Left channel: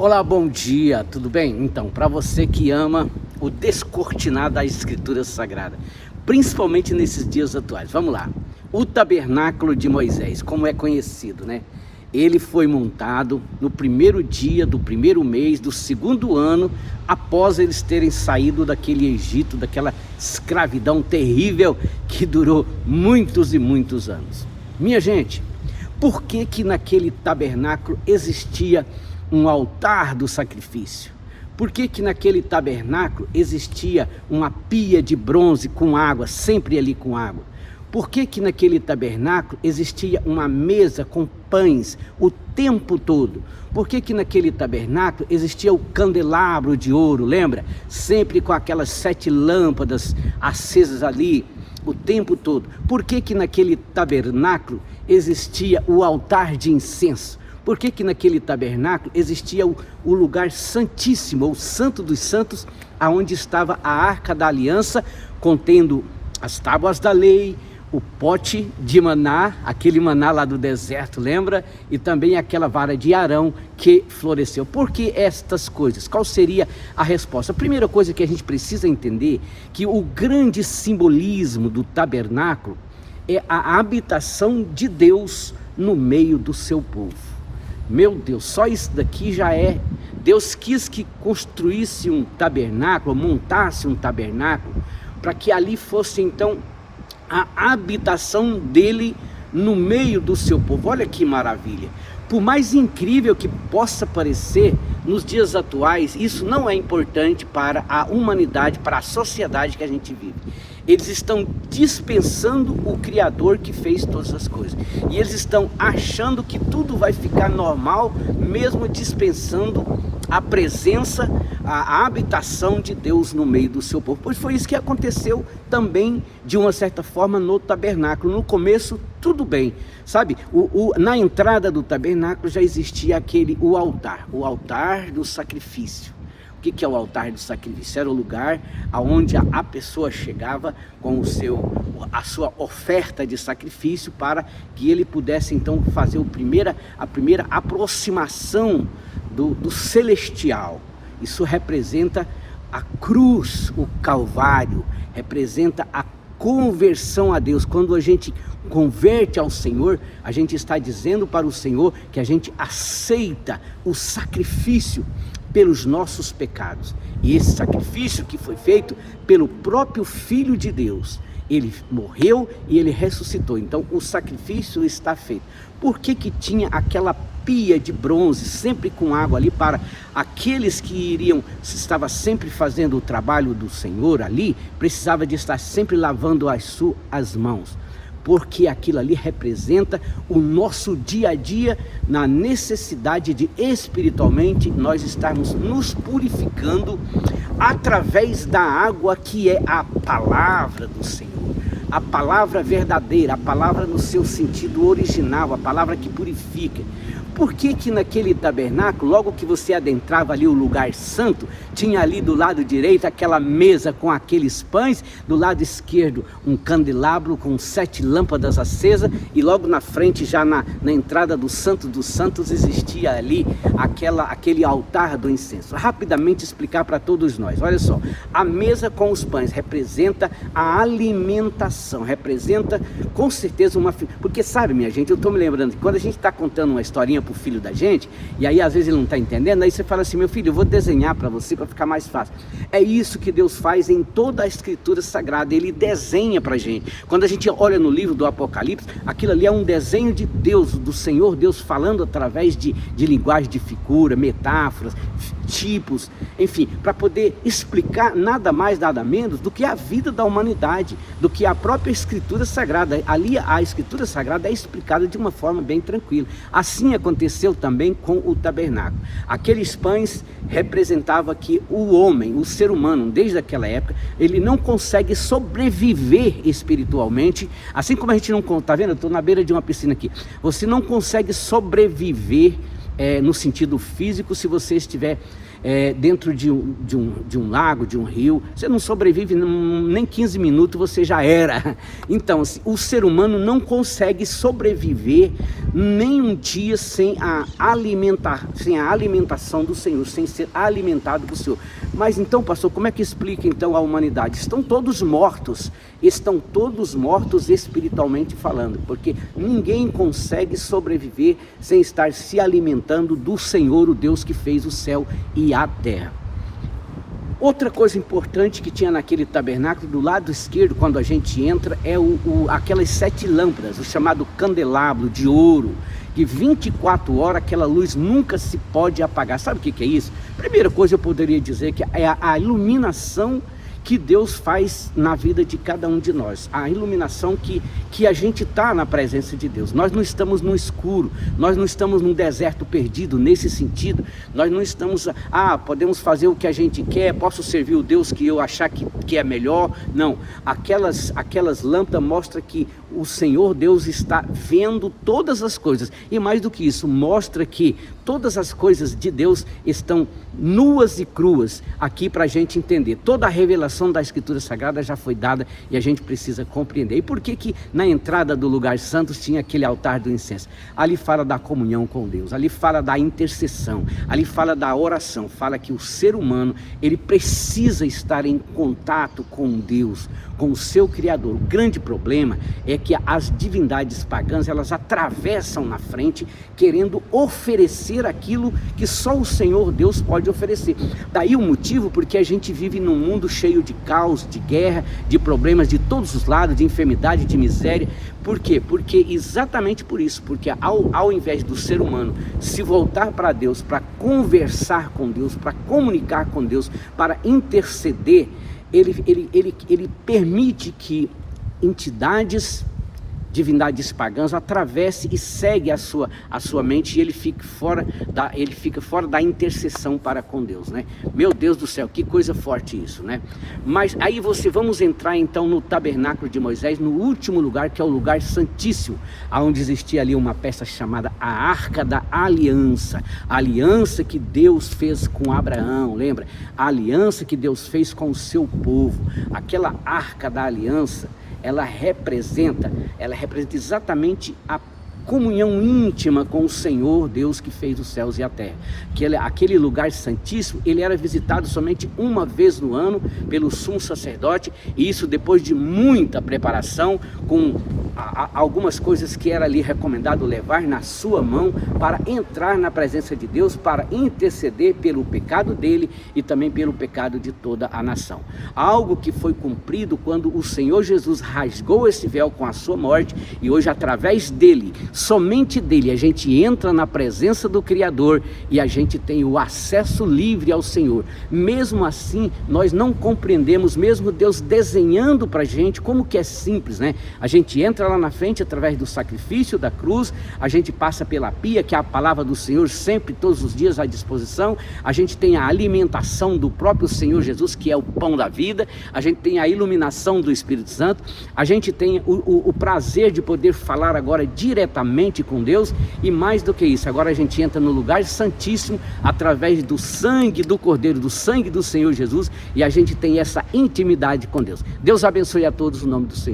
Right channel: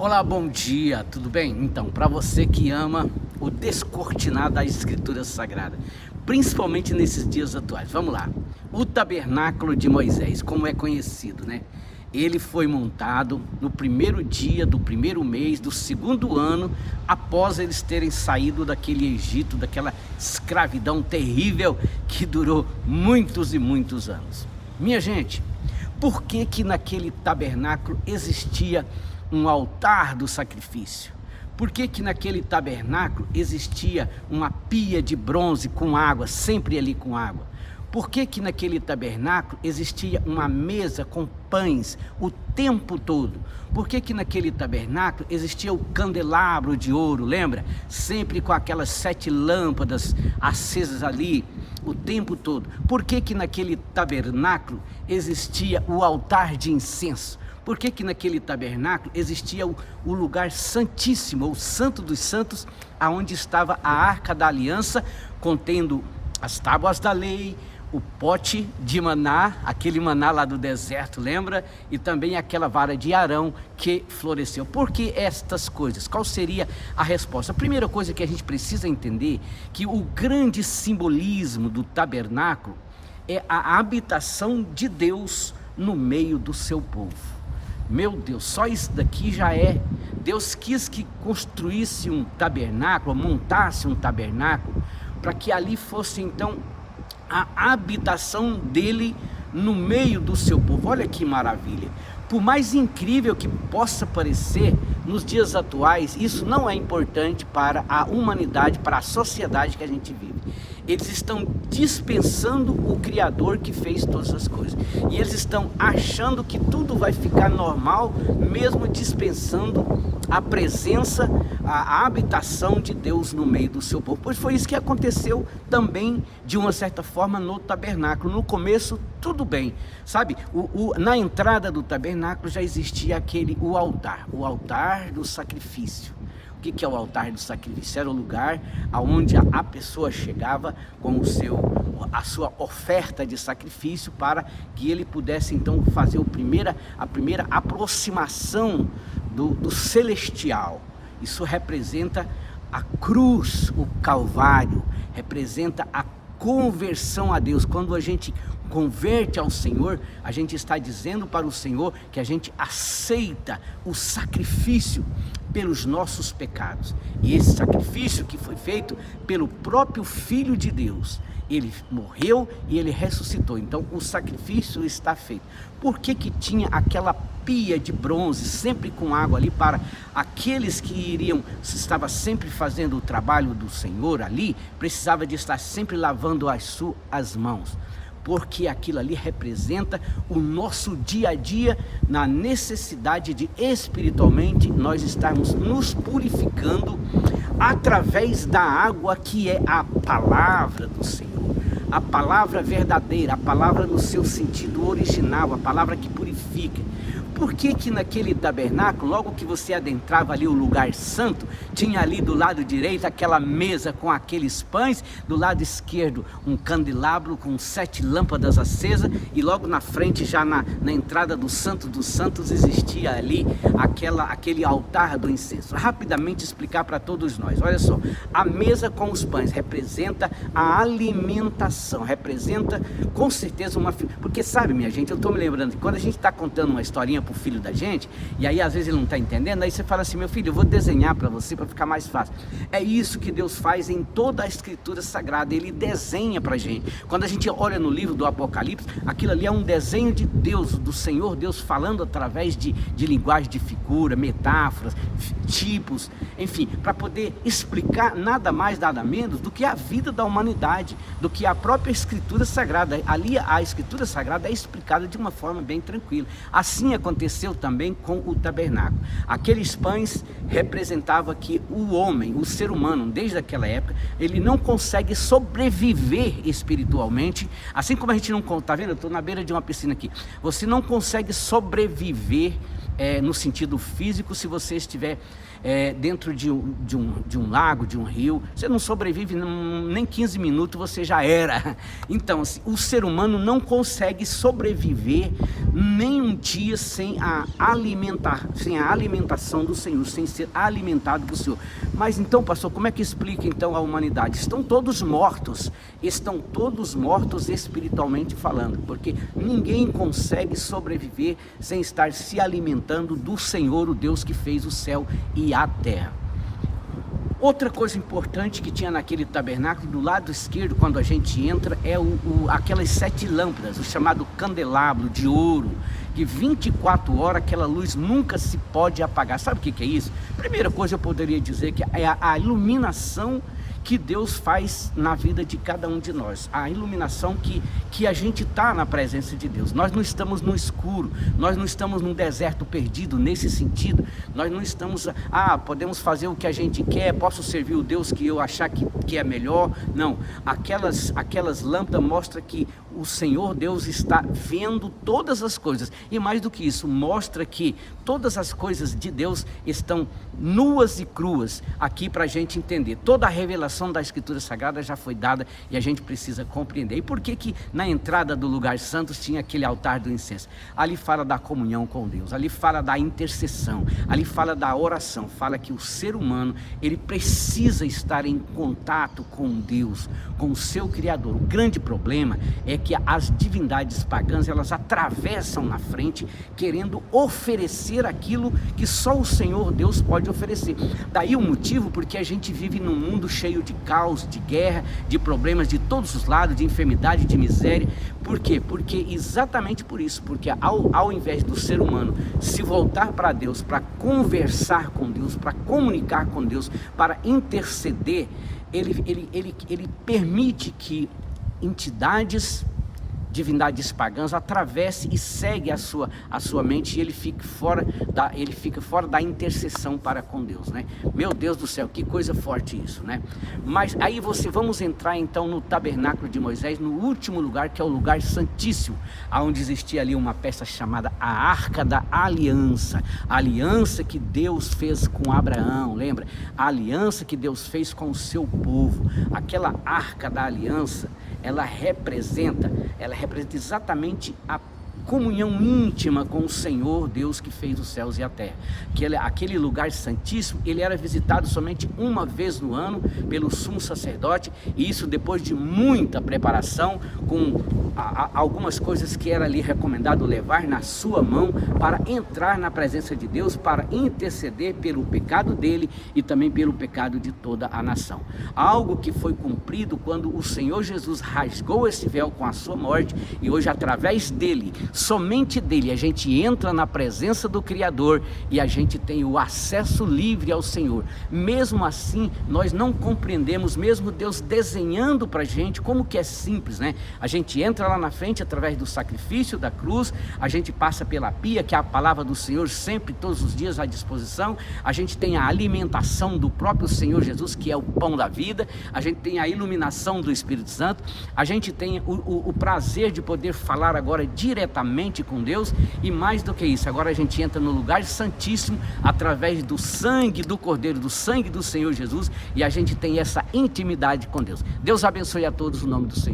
Olá, bom dia, tudo bem? Então, para você que ama o descortinar da Escritura Sagrada, principalmente nesses dias atuais, vamos lá. O tabernáculo de Moisés, como é conhecido, né? Ele foi montado no primeiro dia do primeiro mês do segundo ano, após eles terem saído daquele Egito, daquela escravidão terrível que durou muitos e muitos anos. Minha gente, por que que naquele tabernáculo existia um altar do sacrifício? Por que que naquele tabernáculo existia uma pia de bronze com água, sempre ali com água? Por que que naquele tabernáculo existia uma mesa com pães o tempo todo? Por que que naquele tabernáculo existia o candelabro de ouro, lembra? Sempre com aquelas 7 lâmpadas acesas ali o tempo todo. Por que que naquele tabernáculo existia o altar de incenso? Por que que naquele tabernáculo existia o lugar santíssimo, o santo dos santos, aonde estava a arca da aliança, contendo as tábuas da lei, o pote de maná, aquele maná lá do deserto, lembra? E também aquela vara de Arão que floresceu. Por que estas coisas? Qual seria a resposta? A primeira coisa que a gente precisa entender, que o grande simbolismo do tabernáculo é a habitação de Deus no meio do seu povo. Meu Deus, só isso daqui já é. Deus quis que construísse um tabernáculo, montasse um tabernáculo, para que ali fosse então a habitação dele no meio do seu povo. Olha que maravilha. Por mais incrível que possa parecer, nos dias atuais, isso não é importante para a humanidade, para a sociedade que a gente vive. Eles estão dispensando o Criador que fez todas as coisas. E eles estão achando que tudo vai ficar normal, mesmo dispensando a presença, a habitação de Deus no meio do seu povo. Pois foi isso que aconteceu também, de uma certa forma, no tabernáculo. No começo, tudo bem, sabe? Na entrada do tabernáculo já existia o altar do sacrifício. O que é o altar do sacrifício? Era o lugar aonde a pessoa chegava com a sua oferta de sacrifício, para que ele pudesse então fazer a primeira aproximação do celestial. Isso representa a cruz, o Calvário, representa a conversão a Deus. Quando a gente converte ao Senhor, a gente está dizendo para o Senhor que a gente aceita o sacrifício pelos nossos pecados. E esse sacrifício que foi feito pelo próprio Filho de Deus, ele morreu e ele ressuscitou. Então o sacrifício está feito. Por que que tinha aquela pia de bronze sempre com água ali, para aqueles que estava sempre fazendo o trabalho do Senhor ali, precisava de estar sempre lavando as suas mãos? Porque aquilo ali representa o nosso dia a dia, na necessidade de espiritualmente nós estarmos nos purificando através da água, que é a palavra do Senhor, a palavra verdadeira, a palavra no seu sentido original, a palavra que purifica. Por que que naquele tabernáculo, logo que você adentrava ali o lugar santo, tinha ali do lado direito aquela mesa com aqueles pães, do lado esquerdo um candelabro com 7 lâmpadas acesas, e logo na frente, já na entrada do Santo dos Santos, existia ali aquele altar do incenso? Rapidamente explicar para todos nós. Olha só, a mesa com os pães representa a alimentação, representa com certeza porque sabe, minha gente, eu estou me lembrando que quando a gente está contando uma historinha para o filho da gente, e aí às vezes ele não está entendendo, aí você fala assim: meu filho, eu vou desenhar para você, para ficar mais fácil. É isso que Deus faz em toda a Escritura Sagrada, ele desenha para a gente. Quando a gente olha no livro do Apocalipse, aquilo ali é um desenho de Deus, do Senhor Deus, falando através de linguagem de figura, metáforas, tipos, enfim, para poder explicar nada mais, nada menos do que a vida da humanidade, do que a própria Escritura Sagrada. Ali a Escritura Sagrada é explicada de uma forma bem tranquila. Assim aconteceu também com o tabernáculo. Aqueles pães representavam que o homem, o ser humano, desde aquela época, ele não consegue sobreviver espiritualmente, assim como a gente não, tá vendo? Eu estou na beira de uma piscina aqui. Você não consegue sobreviver no sentido físico, se você estiver dentro de um lago, de um rio, você não sobrevive nem 15 minutos, você já era. Então, assim, o ser humano não consegue sobreviver nem um dia sem a alimentação do Senhor, sem ser alimentado por Senhor. Mas então, pastor, como é que explica então a humanidade? Estão todos mortos espiritualmente falando, porque ninguém consegue sobreviver sem estar se alimentando do Senhor, o Deus que fez o céu e a terra. Outra coisa importante que tinha naquele tabernáculo, do lado esquerdo, quando a gente entra, é aquelas 7 lâmpadas, o chamado candelabro de ouro, que 24 horas aquela luz nunca se pode apagar. Sabe o que é isso? Primeira coisa eu poderia dizer que é a iluminação que Deus faz na vida de cada um de nós, a iluminação que a gente está na presença de Deus. Nós não estamos no escuro, nós não estamos num deserto perdido, nesse sentido. Nós não estamos, podemos fazer o que a gente quer, posso servir o Deus que eu achar que é melhor. Não, aquelas lâmpadas mostram que o Senhor Deus está vendo todas as coisas, e mais do que isso, mostra que todas as coisas de Deus estão nuas e cruas aqui para a gente entender. Toda a revelação da Escritura Sagrada já foi dada e a gente precisa compreender. E por que na entrada do lugar santo tinha aquele altar do incenso? Ali fala da comunhão com Deus, ali fala da intercessão, ali fala da oração, fala que o ser humano, ele precisa estar em contato com Deus, com o seu Criador. O grande problema é que as divindades pagãs, elas atravessam na frente querendo oferecer aquilo que só o Senhor Deus pode oferecer. Daí o motivo porque a gente vive num mundo cheio de caos, de guerra, de problemas de todos os lados, de enfermidade, de miséria. Por quê? Porque exatamente por isso, porque ao invés do ser humano se voltar para Deus, para conversar com Deus, para comunicar com Deus, para interceder, ele permite que entidades, divindades pagãs atravesse e segue a sua mente, e ele fica fora da intercessão para com Deus, né? Meu Deus do céu, que coisa forte isso, né? Mas aí vamos entrar então no tabernáculo de Moisés, no último lugar, que é o lugar santíssimo, onde existia ali uma peça chamada a Arca da Aliança, a aliança que Deus fez com Abraão, lembra? A aliança que Deus fez com o seu povo. Aquela Arca da Aliança, ela representa exatamente a comunhão íntima com o Senhor Deus que fez os céus e a terra. Aquele lugar santíssimo, ele era visitado somente uma vez no ano pelo sumo sacerdote, e isso depois de muita preparação, com algumas coisas que era ali recomendado levar na sua mão para entrar na presença de Deus, para interceder pelo pecado dele e também pelo pecado de toda a nação. Algo que foi cumprido quando o Senhor Jesus rasgou esse véu com a sua morte, e hoje através dele, somente dele, a gente entra na presença do Criador e a gente tem o acesso livre ao Senhor. Mesmo assim, nós não compreendemos, mesmo Deus desenhando para a gente, como que é simples, né? A gente entra lá na frente através do sacrifício da cruz, a gente passa pela pia, que é a palavra do Senhor sempre, todos os dias à disposição, a gente tem a alimentação do próprio Senhor Jesus, que é o pão da vida, a gente tem a iluminação do Espírito Santo, a gente tem o prazer de poder falar agora diretamente com Deus, e mais do que isso, agora a gente entra no lugar santíssimo através do sangue do Cordeiro, do sangue do Senhor Jesus, e a gente tem essa intimidade com Deus. Deus abençoe a todos, no nome do Senhor.